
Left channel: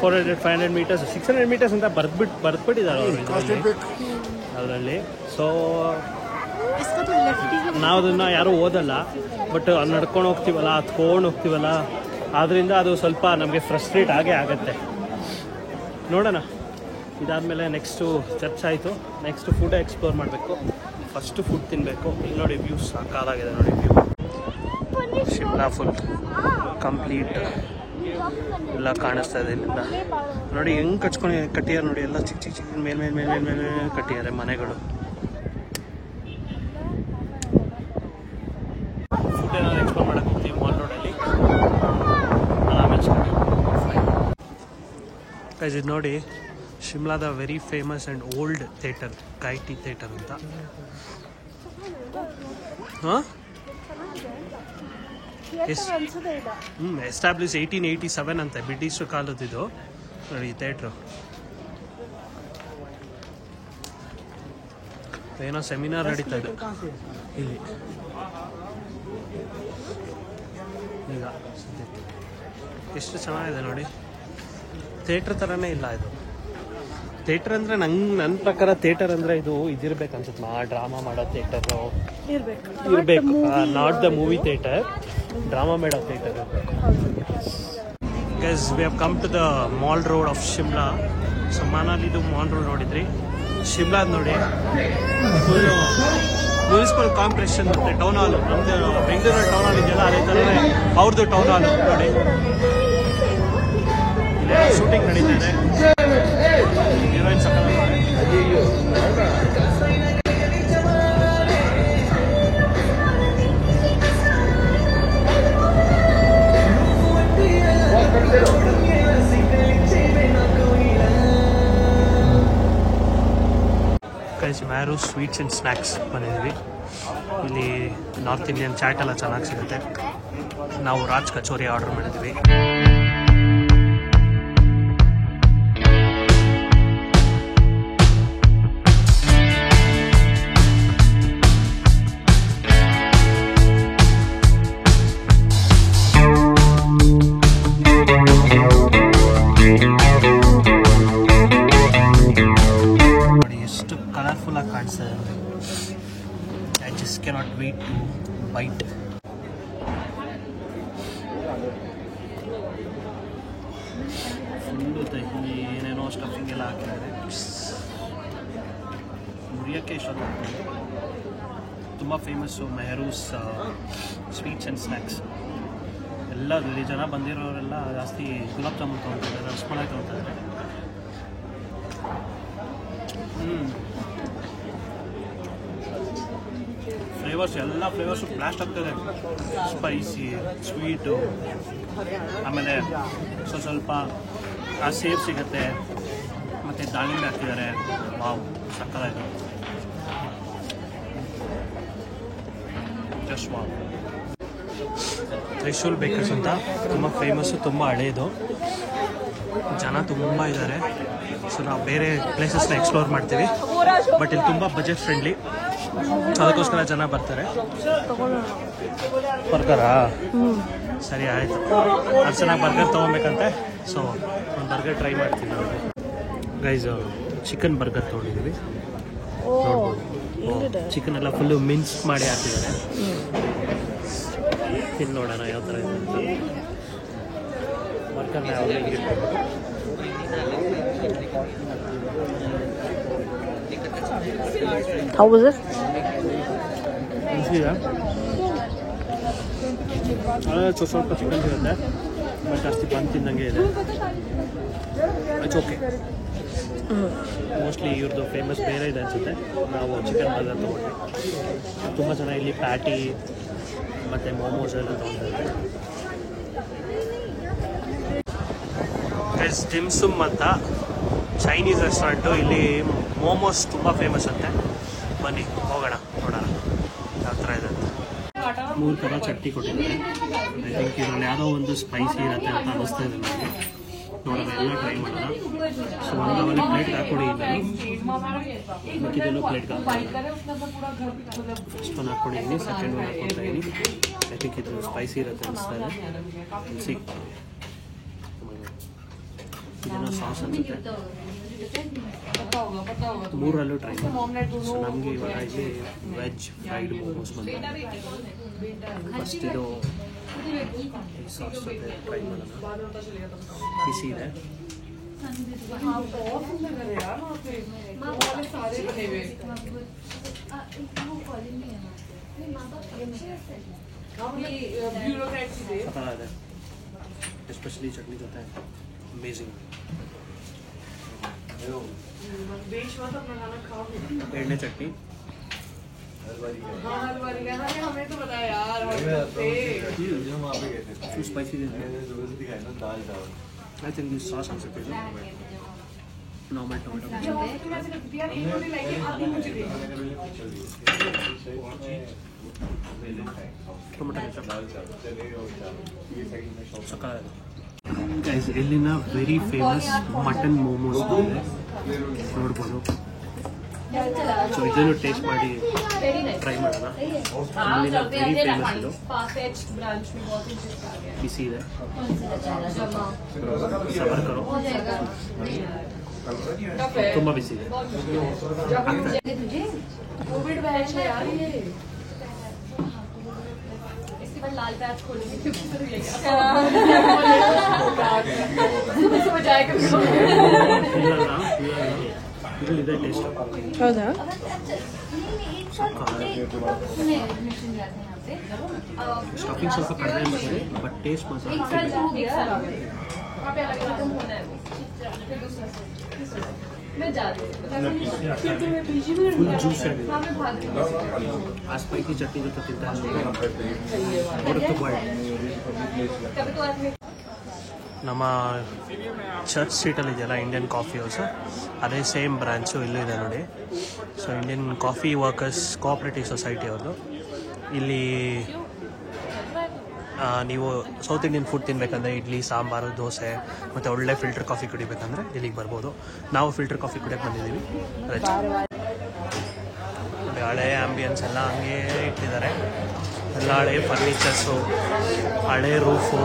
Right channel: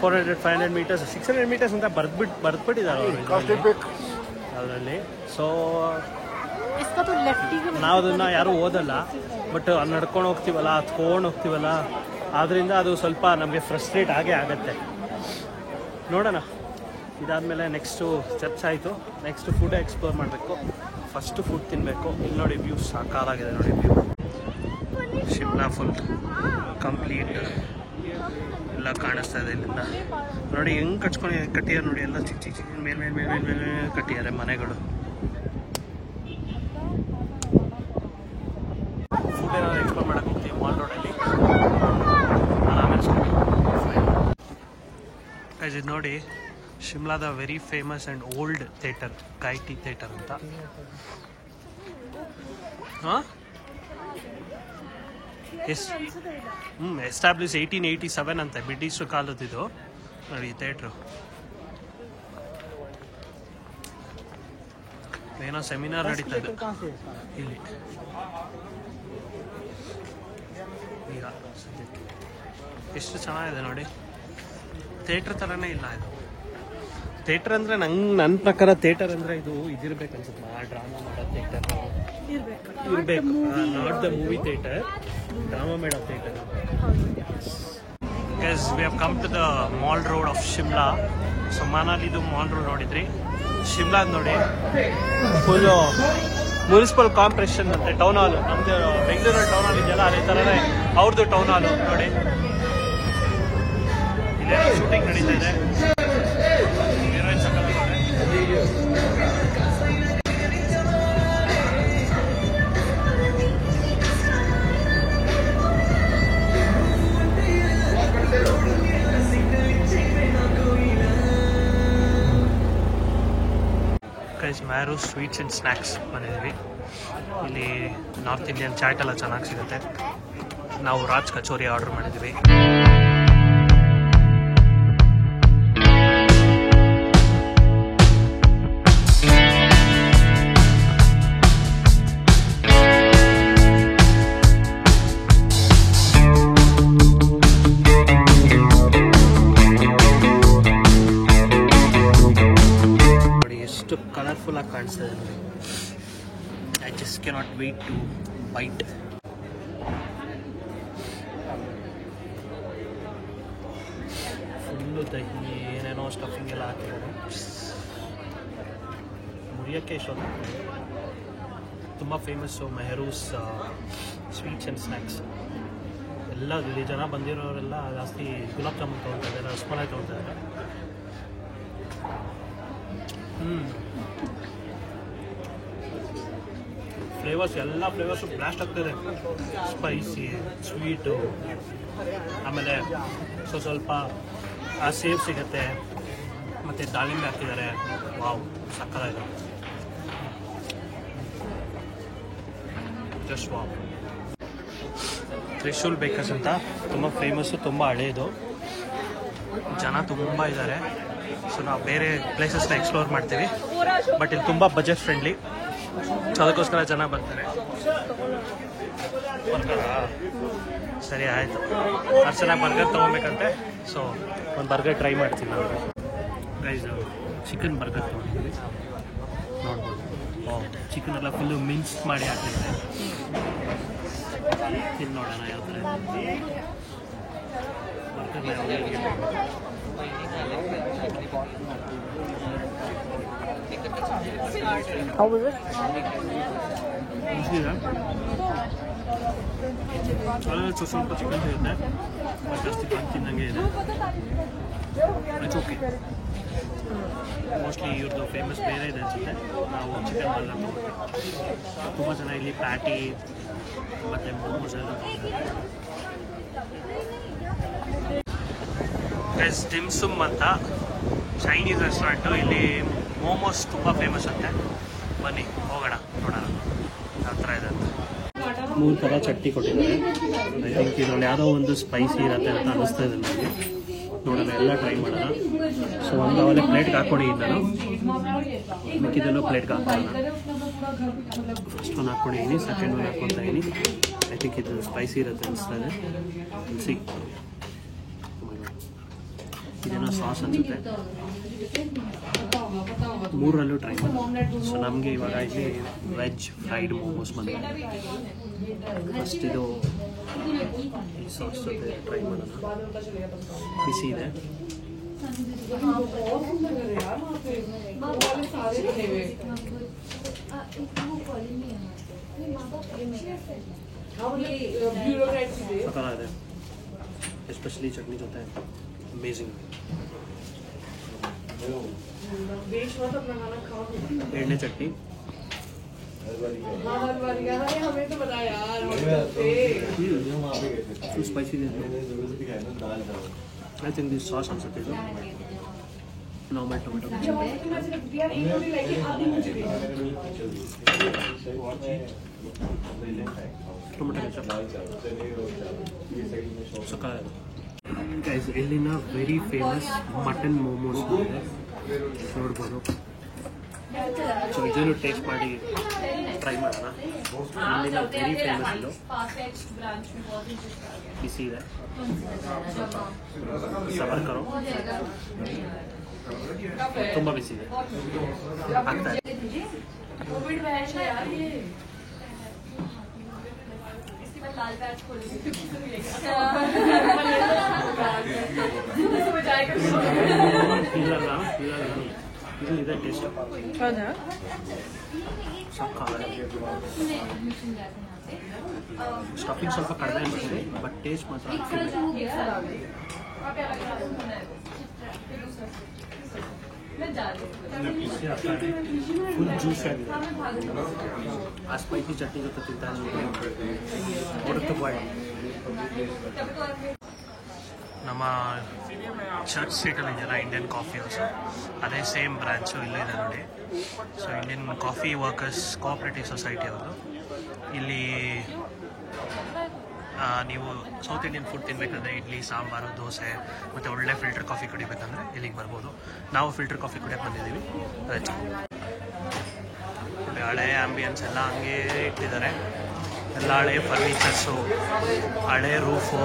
400-500 ಮೀಟರ್ಸ್ 600 ಮೀಟರ್ಸ್ ಅಂತ ಬರ್ದ್ಬಿಟ್ಟಿದ್ದಾರೆ ಅವರು ಅದರಲ್ಲಿ. ಸೊ ನಾವು ಅದನ್ನ ಯಾರು ಓದಲ್ಲ, ಬಟ್ ನಡ್ಕೊಂಡು ಹೋಗ್ತೀವಲ್ಲ, ಹತ್ಕೊಂಡು ಹೋಗ್ತೀವಲ್ಲ, ಆದ್ರಿಂದ ಅದು ಸ್ವಲ್ಪ ನಮಗೆ ಫ್ರಸ್ಟ್ರೇಟ್ ಆಗೇ ಆಗತ್ತೆ. ನೋಡೋಣ, ಇದಾದ್ಮೇಲೆ ನೆಕ್ಸ್ಟು ಚರ್ಚ್ ಆಯಿತು. ನೆಕ್ಸ್ಟ್ ಫುಡ್ ಎಕ್ಸ್ಪ್ಲೋರ್ ಮಾಡಬೇಕು. ಫಸ್ಟ್ ಫುಡ್ ತಿನ್ನಬೇಕು. ಇಲ್ಲಿ ನೋಡಿ ವ್ಯೂ ಸಾಕಾಗಿದೆ ನೋಡಿ ವ್ಯೂ. ಶಿಮ್ಲಾ ಫುಲ್ ಕಂಪ್ಲೀಟ್ ಎಲ್ಲ ಕಾಣಿಸ್ತಾ ಇದೆ ಇಲ್ಲಿಂದ. ನೋಡಿ ಹೆಂಗೆ ಕಟ್ಟಿದ್ದಾರೆ ನೋಡಿ, ಎಲ್ಲ ಚಿಕ್ಕ ಚಿಕ್ಕ ಚಿಕ್ಕ ಮೇಲೆ ಕಟ್ಟಿದ್ದಾರೆ ಮನೆಗಳು. ಫುಡ್ ಏನಾದ್ರು ಎಕ್ಸ್ಪ್ಲೋರ್ ಮಾಡಕ್ಕೆ ಹೋಗ್ತೀವಿ ಮಾಲ್ ರೋಡಲ್ಲಿ. ಆಮೇಲೆ ಇದು ನೋಡಿ ಶಿಮ್ಲಾದ very famous and old theatre, Gaiety theatre ಅಂತ. ಎಸ್ಟಾಬ್ಲಿಷ್ 1887 ಅಂತೆ, ಬ್ರಿಟಿಷ್ ಕಾಲದಿದು ನೋಡಿ ಈ ಥಿಯೇಟ್ರು. ಏನೋ ಸೆಮಿನಾರ್ ನಡೀತಾ ಇದೆ ಇಲ್ಲಿ ಈಗ ಸದ್ಯಕ್ಕೆ. ಎಷ್ಟು ಚೆನ್ನಾಗಿದೆ ನೋಡಿ, ಥಿಯೇಟ್ರ್ ಥರನೇ ಇಲ್ಲ ಇದು. ಥಿಯೇಟರ್ ಅಂದರೆ ನನ್ನ ಪ್ರಕಾರ ಥಿಯೇಟರ್ ಅಂದರೆ ಇದಿರ್ಬೇಕು ಅನ್ಸುತ್ತೆ. ಡ್ರಾಮಾ ಮಾಡೋ ಥಿಯೇಟರು ಇರಬೇಕು, not the movie theatre, drama ಮಾಡೋ ಥಿಯೇಟರ್ ಇರಬೇಕು. Because we have come to the mall road of Shimla. So ಮನಾಲಿದು ಮಾಲ್ ರೋಡ್ ನೋಡಿದ್ರಿ, ಶಿಮ್ಲಾದ ನೋಡಿ ಫುಲ್ಲು ಮುನ್ಸಿಪಲ್ ಕಾರ್ಪೊರೇಷನ್ ಮತ್ತೆ ಟೌನ್ ಹಾಲು. ನಮ್ದು ಬೆಂಗಳೂರಲ್ಲಿ ಟೌನ್ ಹಾಲ್ ಇದೆಯಲ್ಲ, ಅದೇ ಥರನೇ ಅವ್ರದ್ದು ಟೌನ್ ಹಾಲು ನೋಡಿ. ಇಲ್ಲೆಲ್ಲ ಶೂಟಿಂಗ್ ನಡೀತಾ ಇದೆ. ಹೀರೋಯಿನ್ ಸಕಲ ನೋಡಿ. ಮ್ಯಾರು ಸ್ವೀಟ್ಸ್ ಆ್ಯಂಡ್ ಸ್ನ್ಯಾಕ್ಸ್ ಬಂದಿದ್ವಿ. ಇಲ್ಲಿ ನಾರ್ತ್ ಇಂಡಿಯನ್ ಚಾಟ್ ಎಲ್ಲ ಚೆನ್ನಾಗಿ ಸಿಗುತ್ತೆ. ನಾವು ರಾಜ್ ಕಚೋರಿ ಆರ್ಡರ್ ಮಾಡಿದ್ವಿ. ಕಲರ್ಫುಲ್ ಆಗಿ ಕಾಣಿಸ್ತದೆ ನೋಡಿ. I just cannot wait to bite. Full ದಹಿ ಏನೇನೋ ಸ್ಟಫಿಂಗ್ ಎಲ್ಲ ಹಾಕಿದ್ದಾರೆ. ಮುರಿಯೋಕ್ಕೆ ಇಷ್ಟೊತ್ತಾಗ್ತದೆ. ತುಂಬ famous Mehru's sweets and snacks. ಎಲ್ಲ ಇಲ್ಲಿ ಜನ ಬಂದಿರೋರೆಲ್ಲ ಜಾಸ್ತಿ ಗುಲಾಬ್ ಜಾಮೂನ್ ತೊಗೊಳ್ತಿದ್ದಾರೆ, ರಸಮಲೈ ತೊಗೊಳ್ತಾ ಇದ್ದಾರೆ. ಫ್ಲೇವರ್ಸ್ ಎಲ್ಲ ಫ್ಲೇವರ್ಸು ಬ್ಲಾಸ್ಟ್ ಆಗ್ತದೆ. ಸ್ಪೈಸಿ, ಸ್ವೀಟು, ಆಮೇಲೆ ಸ್ವಲ್ಪ ಆ ಸೇವ್ ಸಿಗುತ್ತೆ, ಮತ್ತು ದಾಳಿಂಬೆ ಹಾಕಿದ್ದಾರೆ. ವಾವ್, ಸಕ್ಕತ್ತಾಯಿತು. Just wow. ತ್ರಿಶೂಲ್ ಬೇಕರ್ಸ್ ಅಂತ ತುಂಬ ಫೇಮಸ್ಸು, ತುಂಬ ಹಳೇದು. ಜನ ತುಂಬ ಇದ್ದಾರೆ. ಸೊ ನಾವು ಬೇರೆ ಪ್ಲೇಸಸ್ನ ಎಕ್ಸ್ಪ್ಲೋರ್ ಮಾಡ್ತೀವಿ, ಬಟ್ ಇಲ್ಲಿ ತುಂಬ ಬಜೆಟ್ ಫ್ರೆಂಡ್ಲಿ, ಅದಕ್ಕೋಸ್ಕರ ಜನ ಬರ್ತಾರೆ. ಸರಿ ಆಯಿತು. ಅರ್ಚನಾಗಿ ಬರ್ಗರ್ ತೊಗೊಬೇಕಂತೆ. ಸೊ ಒಂದು ಬರ್ಗರ್ ಟ್ರೈ ಮಾಡ್ತೀವಿ ನಾವು ಗೈಸ್. ಚಿಕನ್ ಬರ್ಗರ್ ತೊಗೊಂಡಿದ್ದೀವಿ, ನೋಡ್ಬೋದು. ಚಿಕನ್ ಎಲ್ಲ ಫುಲ್ಲು ಮಿನ್ಸ್ ಮಾಡಿ ಹಾಕಿದ್ದಾರೆ. ತಿಂದು ನೋಡೋಣ ಯಾವ ಥರ ಇದೆ ಅಂತ. ಬರ್ಗರ್ನ ಯಾವುದೇ ಹೌದು ಅದೇ ಸ್ವಲ್ಪ ಚಿಕನ್ ಇರುತ್ತೆ, ಬಟ್ ಜಾಸ್ತಿ ಬಂದು ತಿನ್ನಂಗೆ ಇದೆ. It's okay. ಮೋಸ್ಟ್ಲಿ ಇವ್ರದ್ದು ಫೇಮಸ್ ಬೇರೆ ಇದೆ ಅನಿಸುತ್ತೆ. ನಾವು ಚಿಕನ್ ಬರ್ಗರ್ ತೊಗೊಂಡ್ವಿ. ತುಂಬ ಜನ ಇಲ್ಲಿ ಪ್ಯಾಟಿ ಮತ್ತು ಮೋಮೋಸ್ ಎಲ್ಲ ತೊಗೊಂಡಿರ್ತಾರೆ. ಡಿಮ್ ಸುಮ್ ಅಂತ ಚೈನೀಸ್ ರೆಸ್ಟೋರೆಂಟು. ಇಲ್ಲಿ ಮೋಮೋಸ್ ತುಂಬ ಫೇಮಸ್ ಅಂತೆ. ಬನ್ನಿ ಹೋಗೋಣ, ನೋಡೋಣ ಯಾವ ಥರ ಇದೆ ಅಂತ. 3 ಥರ ಚಟ್ನಿ ಕೊಟ್ಟಿದ್ದಾರೆ. ಐ ಥಿಂಕ್ ಇದರಲ್ಲಿ ಯಾವುದೋ ಒಂದು ಸ್ಪೈಸಿ ಇರುತ್ತೆ ಅಂತ ಅನ್ನಿಸ್ತಾ ಇದೆ ನನಗೆ. ನೋಡೋಣ, ಎಲ್ಲ ಟ್ರೈ ಮಾಡೋಣ. ಸೊ ಒಂದು ಪ್ಲೇಟ್ಗೆ ಹಾಕ್ಕೊಡಿ. ನಾನು ಮಿಕ್ಕಿದೆಲ್ಲೂ ಪ್ಲೇಟ್ಗೆ ಹಾಕೋಣ. ಫಸ್ಟ್ ಒಂದು ಹಾಕ್ಕೊಂಡಿದ್ದೀನಿ, ಸೆಕೆಂಡ್ ಒಂದು ಹಾಕ್ಕೊಳ್ತಾ ಇದ್ದೀನಿ. ಐ ಥಿಂಕ್ ಇದು ಸ್ಪೈಸಿ ಇರುತ್ತೆ ಅನ್ನಿಸ್ತಾ ಇದೆ. ಇದೇನೋ ಸಾಸ್ ಅನಿಸುತ್ತೆ. 3ರಲ್ಲೂ ಟ್ರೈ ಮಾಡಿ. ಸೊ ನಮಗೆ ಇವಾಗ ಇಲ್ಲಿ ವೆಜ್ ಫ್ರೈಡ್ ಮೋಮೋಸ್ ಬಂದಿದೆ. ಫಸ್ಟ್ ಇದು ಸಾಸ್ ಜೊತೆ ಟ್ರೈ ಮಾಡೋಣ. ಬಿಸಿ ಇದೆ. ಸಕ್ಕತ್ತಾಗಿದೆ, ಎಸ್ಪೆಷಲಿ ಚಟ್ನಿ ಜೊತೆ. ಅಮೇಜಿಂಗ್. ಎಣ್ಣೆ ಚಟ್ನಿ. ಸ್ಪೈಸಿ ಇದೆ. ಐ ಥಿಂಕ್ ದಿಸ್ ಸಾಸ್ ಅನ್ಸುತ್ತೆ. ಇದು ನಾರ್ಮಲ್ ಟೊಮೆಟೊ ಸಕ್ಕ. ಗೈಸ್, ಇಲ್ಲಿನ ವೆರಿ ಫೇಮಸ್ ಮಟನ್ ಮೋಮೋಸ್ ಇದೆ, ನೋಡ್ಬೋದು. ಸೊ ಇದನ್ನು ಟೇಸ್ಟ್ ಮಾಡಿ ಟ್ರೈ ಮಾಡೋಣ. ಇಲ್ಲಿನ ವೆರಿ ಫೇಮಸ್ ಇದು. ಬಿಸಿ ಇದೆ, ಸಬರ್ ಕರೋ. ತುಂಬ ಬಿಸಿ ಇದೆ. ಆಗ್ತಾ ಇದೆ. ಇದು ಇದೆ ಟೇಸ್ಟ್. ಹೌದಾ? ಸ್ಟಫಿಂಗ್ ಸ್ವಲ್ಪ ಕಡಿಮೆ ಅನ್ಸ್ಬೋದು, ಬಟ್ ಟೇಸ್ಟ್ ಮಾತ್ರ ಫುಲ್ ಜ್ಯೂಸಿ ಆಗಿದೆ. ಆ ಸ್ಪೈಸಿ ಚಟ್ನಿ ಜೊತೆ ತಿಂತಾ ಹೊರತು ಬಾಯ್. ನಮ್ಮ ಚರ್ಚ್ ಸ್ಟ್ರೀಟಲ್ಲಿ ಇದೆಯಲ್ಲ ಇಂಡಿಯನ್ ಕಾಫಿ ಹೌಸ್, ಅದೇ ಸೇಮ್ ಬ್ರಾಂಚು ಇಲ್ಲೂ ಇದೆ ನೋಡಿ. So Indian coffee workers cooperative society ಅವ್ರದ್ದು. ಇಲ್ಲಿ ನೀವು ಸೌತ್ ಇಂಡಿಯನ್ ಫುಡ್ ತಿನ್ನಬೇಕಂದ್ರೆ ಇಡ್ಲಿ, ಸಾಂಬಾರು, ದೋಸೆ ಮತ್ತು ಒಳ್ಳೆ ಫಿಲ್ಟರ್ ಕಾಫಿ ಕುಡಿಬೇಕಂದ್ರೆ ಇಲ್ಲಿಗೆ ಬರ್ಬೋದು. ನಾವು ಫಿಲ್ಟರ್ ಕಾಫಿ ಕುಡಿಯೋಕ್ಕೆ ಬಂದಿದ್ದೀವಿ. ನೋಡಿ, ಹಳೆ ಆ್ಯಂಬಿಯನ್ಸ್ ಎಲ್ಲ ಹಂಗೇ ಇಟ್ಟಿದ್ದಾರೆ. ಎಲ್ಲ ಹಳೆ ಫರ್ನಿಚರ್ಸು, ಹಳೆ ರೂಫು,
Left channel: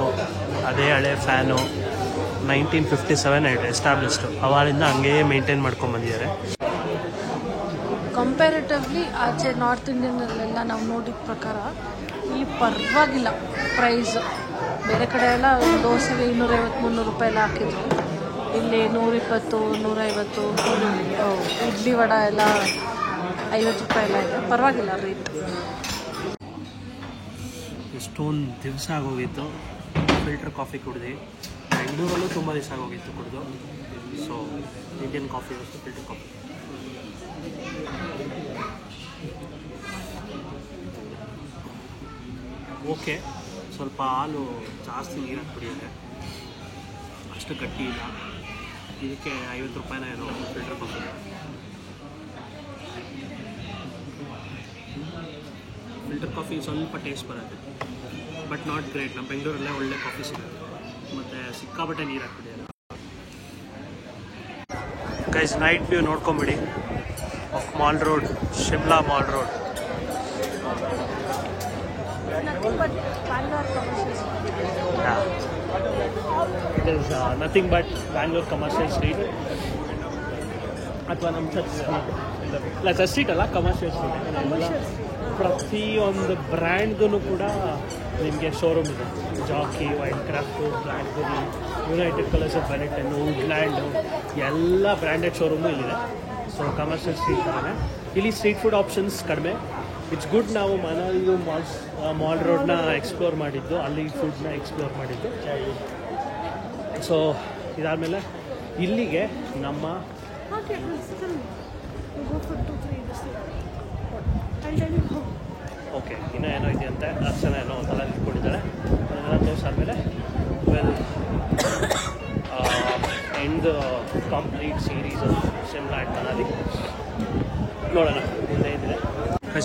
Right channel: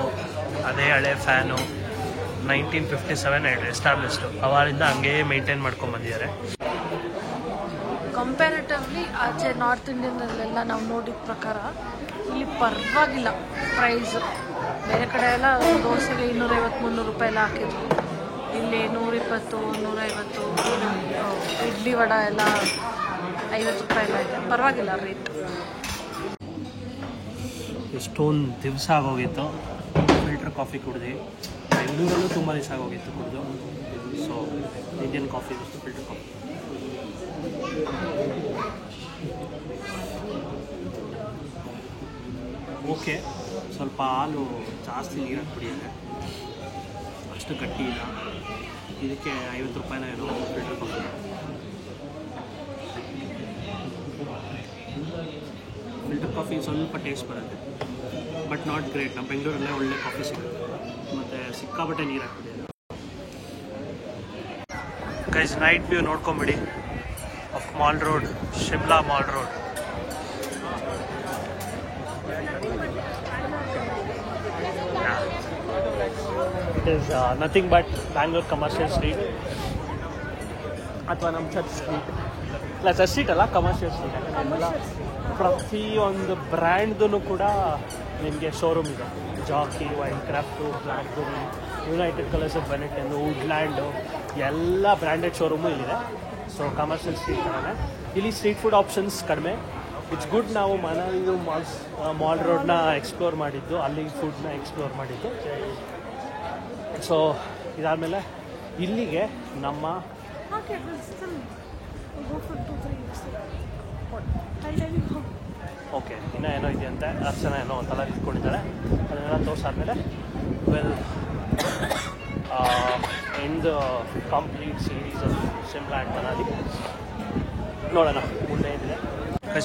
ಅದೇ ಹಳೆ ಫ್ಯಾನು. 1957 ಎಸ್ಟಾಬ್ಲಿಷ್ಡು. ಅವಾಗಿಂದ ಹಂಗೇ ಮೇಂಟೈನ್ ಮಾಡ್ಕೊಂಡ್ಬಂದಿದ್ದಾರೆ. ಕಂಪ್ಯಾರಿಟಿವ್ಲಿ ಆಚೆ ನಾರ್ತ್ ಇಂಡಿಯನ್ನಲ್ಲೆಲ್ಲ ನಾವು ನೋಡಿದ ಪ್ರಕಾರ ಇಲ್ಲಿ ಪರವಾಗಿಲ್ಲ ಪ್ರೈಸ್. ಬೇರೆ ಕಡೆ ಎಲ್ಲ ದೋಸೆಗೆ 250-300 ರೂಪಾಯಿ ಎಲ್ಲ ಹಾಕಿದ್ರು. ಇಲ್ಲಿ 120, 150, ಇಡ್ಲಿ ವಡ ಎಲ್ಲ 50 ರೂಪಾಯಿ ಎಲ್ಲ ಇದೆ. ಪರವಾಗಿಲ್ಲ ರೇಟ್. ಎಷ್ಟೊಂದು ದಿವಸ ಆಗೋಗಿತ್ತು ಫಿಲ್ಟರ್ ಕಾಫಿ ಕುಡಿದು. ಬೆಂಗಳೂರಲ್ಲೂ ತುಂಬ ದಿವಸ ಆಗೋಗಿತ್ತು ಕುಡಿದು. ಸೊ ಇಂಡಿಯನ್ ಕಾಫಿ ಮತ್ತು ಫಿಲ್ಟರ್ ಕಾಫಿ. ಓಕೆ, ಸ್ವಲ್ಪ ಹಾಲು ಜಾಸ್ತಿ ನೀರಾಗಿ ಕುಡಿಯುತ್ತೆ, ಅಷ್ಟು ಗಟ್ಟಿ ಇಲ್ಲ. ಇದಕ್ಕೆ 50 ರೂಪಾಯಿನ ಏನೋ ಫಿಲ್ಟರ್ ಕಾಫಿ. ಫಿಲ್ಟರ್ ಕಾಫಿ ಸ್ವಲ್ಪ ಟೇಸ್ಟ್ ಬರುತ್ತೆ, ಬಟ್ ನಾಟ್ ಗ್ರೇಟ್. ನಮ್ಮ ಬೆಂಗಳೂರಲ್ಲೇ ಒಳ್ಳೆ ಕಾಫಿ ಸಿಗುತ್ತೆ, ಮತ್ತು ಸಿಕ್ಕಾಬಟ್ಟೆ ನೀರು ಹಾಕ್ಬಿಟ್ಟಿದ್ದಾರೆ. ಗೈಸ್, ನೈಟ್ ವ್ಯೂ ನೋಡ್ಕೊಂಬಿಡಿ of mall road, Shimla mall road. Is nothing but Bangalore commercial street ಅಥವಾ ನಮ್ಮ ಚರ್ಚ್ ಸ್ಟ್ರೀಟ್ ಇಲ್ಲ ಚರ್ಚ್ ಸ್ಟ್ರೀಟ್ ಅಲ್ಲ ಕಮರ್ಷಿಯಲ್ ಸ್ಟ್ರೀಟ್ ಪ್ರತಿಯೊಂದು ಬ್ರ್ಯಾಂಡ್ದು ಕೂಡ ನಿಮಗೆ ಶೋರೂಮ್ ಇದೆ. Jockey, Wildcraft, Blackberry, United Colors of Benetton, Woodland ಎಲ್ಲ ಬ್ರ್ಯಾಂಡೆಡ್ ಶೋರೂಮು ಇಲ್ಲಿದೆ. ಸೊ ಕಮರ್ಷಿಯಲ್ ಸ್ಟ್ರೀಟ್ ಥರನೇ ಇಲ್ಲಿ ಸ್ಟ್ರೀಟ್ ಫುಡ್ ಆಪ್ಷನ್ಸ್ ಕಡಿಮೆ. It's good. ನಾವು ಮನಾಲಿದು ಮಾಲ್ ರೋಡ್ನ ಎಕ್ಸ್ಪ್ಲೋರ್ ಮಾಡಿದ್ದು, ಅಲ್ಲಿ ಫುಡ್ನ ಎಕ್ಸ್ಪ್ಲೋರ್ ಮಾಡಿದ್ದು. ಸೊ ಇದಾದಮೇಲೆ ಇಲ್ಲಿಗೆ ನಮ್ಮ ಓಕೆ ಇನ್ನೂ ಏನೋ ಇದೆಯಂತೆ, 10 ಜನ ಏನೋ ತಲೆ ಇಟ್ಕೊಂಡಿದ್ದಾರೆ. ಅದನ್ನೆಲ್ಲ ತೋರಿಸಾದ್ಮೇಲೆ well end the complete series of Shimla and Manali. ನೋಡೋಣ ಮುಂದೆ ಏನಿದೆ.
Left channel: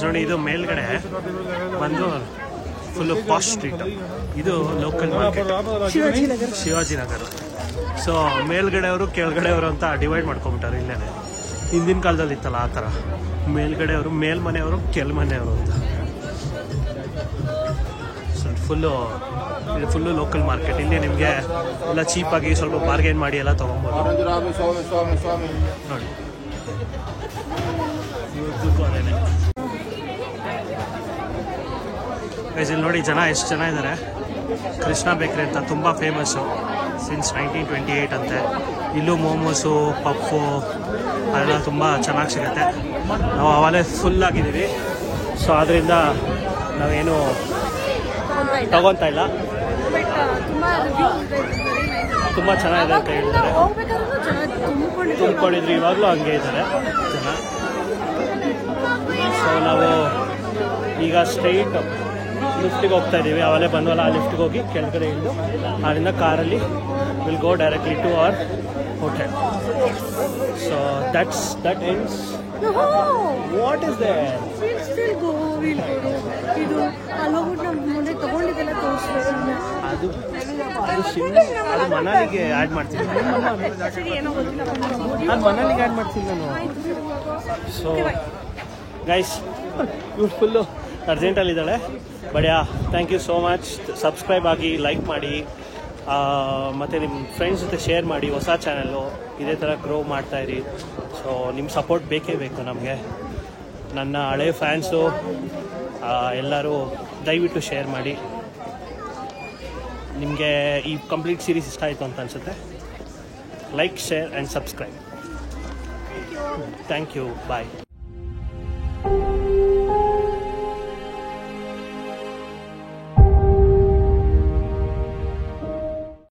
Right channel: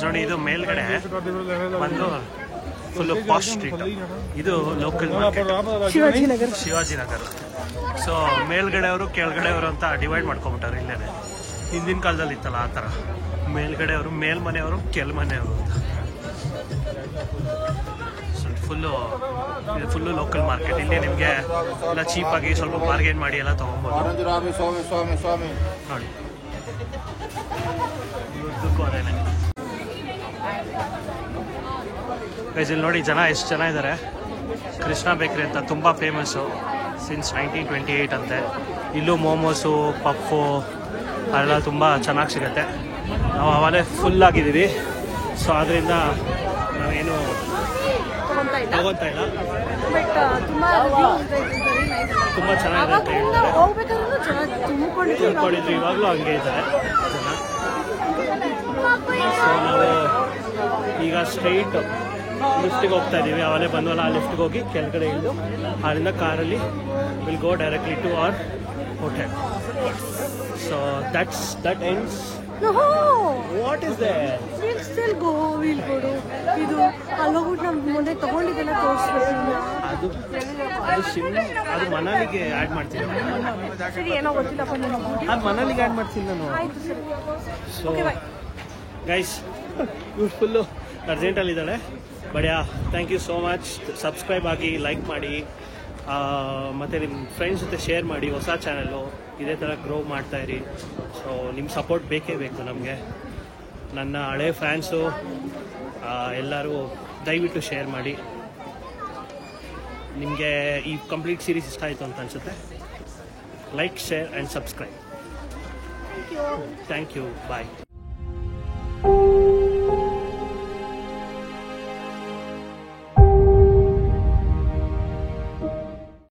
ನೋಡಿ ಇದು ಮೇಲ್ಗಡೆ ಬಂದು ಫುಲ್ಲು ಪಾಶ್ ಸ್ಟ್ರೀಟ್. ಇದು ಲೋಕಲ್ ಮಾರ್ಕೆಟ್ ಶಿವಾಜಿನಗರ. ಸೊ ಮೇಲ್ಗಡೆಯವರು ಕೆಳಗಡೆಯವರು ಅಂತ ಡಿವೈಡ್ ಮಾಡ್ಕೊಂಬಿಟ್ಟಾರೆ ಇಲ್ಲೇನೆ. ಹಿಂದಿನ ಕಾಲದಲ್ಲಿ ಇತ್ತಲ್ಲ ಆ ಥರ, ಮೇಲ್ಗಡೆಯವರು ಮೇಲ್ಮನೆಯವರು ಕೆಳಮನೆಯವರು ಅಂತ. ಸೊ ಇದು ಫುಲ್ಲು ಲೋಕಲ್ ಮಾರ್ಕೆಟ್. ಇಲ್ಲಿ ನಿಮಗೆ ಎಲ್ಲ ಚೀಪಾಗಿ ಸ್ವಲ್ಪ ಬಾರ್ಗೇನ್ ಮಾಡಿ ಎಲ್ಲ ತೊಗೊಬೋದು. ನೋಡಿ ಉದ್ದಕ್ಕೂ ಅದೇನೆ. ಇಲ್ಲಿ ನೋಡಿ ಜನ ಎಷ್ಟು ಜನ ಇದ್ದಾರೆ. ಕೃಷ್ಣ ಬೇಕ್ರಿ ಅಂತ ತುಂಬ ಫೇಮಸ್ಸು ಸಿನ್ಸ್ 1928 ಅಂತೆ. ಇಲ್ಲೂ ಮೋಮೋಸು, ಪಪ್ಪು ಅದೆಲ್ಲ ತುಂಬ ಚೆನ್ನಾಗಿ ಸಿಗುತ್ತೆ. ನಾವು ಅವಾಗಲೇ ಫುಲ್ ಆಗಿದ್ದೀವಿ. ಸೊ ಅದರಿಂದ ನಾವೇನು ತಗೊತಾ ಇಲ್ಲ. ಬಟ್ ತುಂಬಾ ರಿವ್ಯೂ ತುಂಬ ಚೆನ್ನಾಗಿದೆ ಅಂತ ಹೇಳ್ತಾರೆ. ತುಂಬಿಕೊಂಡಿದ್ರು, ಇವಾಗಲೂ ಹಂಗೆ ಇದ್ದಾರೆ ಜನ. ಸೊ ನಾವು ಈಗ ಸ್ಟ್ರೈಟ್ ಲಿಫ್ಟಿಗೆ ಹೋಗ್ತಾ ಇದ್ದೀವಿ. ಅವಲೇ ಬಂದವಲ್ಲ, ಆ ಲಿಫ್ಟಿಗೆ ಹೋಗಿ ಕೆಳಗಡೆ ಇಳಿದು ಅಲ್ಲಿಂದ ಕಾರಲ್ಲಿ will go directly to our hotel. So that ends. What is there? ಇದು ಅಲ್ಲೋಗ್ಬಿಟ್ಟು ನಮ್ಮ ಮುಂದೆ ತಗೊಂಡಿದ್ದೆಲ್ಲ ತೋರಿಸ್ಬೇಕು. ಅದು ಮನಾಲಿಗೆ ಆ್ಯಡ್ ಮಾಡ್ತೀನಿ. ಅದು ಮನಾಲಿಗೆ ಆ್ಯಡ್ ಮಾಡ್ತೀನಿ ನಾನು. ಸೊ ಗೈಸ್ ಇವ್ರು ಫುಲ್ಲು ಅರ್ಜೆಂಟಲ್ಲಿದ್ದಾಳೆ. But thank you so much. Subscribe ಆಗಿ, ಲೈಕ್ ಮಾಡಿ, ಮತ್ತು ನಿಮ್ಮ ಫ್ರೆಂಡ್ಸ್ ಜೊತೆ ಶೇರ್ ಮಾಡಿ. ಹೊಸ ಚಾನಲ್ಲು ಇದೇ ಥರ ಗ್ರೋ ಮಾಡ್ತಾಯಿರಿ. ಸೊ ನಿಮ್ಮ ಸಪೋರ್ಟ್ ಬೇಕೇ ಬೇಕು ನಮಗೆ. ನನ್ನ ಹಳೆ ಫ್ಯಾನ್ಸು ಎಲ್ಲರೂ ದಯವಿಟ್ಟು ಶೇರ್ ಮಾಡಿ. ನಿಮಗೆ ಈ ಕಂಪ್ಲೀಟ್ ಸೀರೀಸ್ ಇಷ್ಟ ಆಯಿತು ಅಂತ ಅನಿಸುತ್ತೆ. Like, share and subscribe. Thank you. Bye.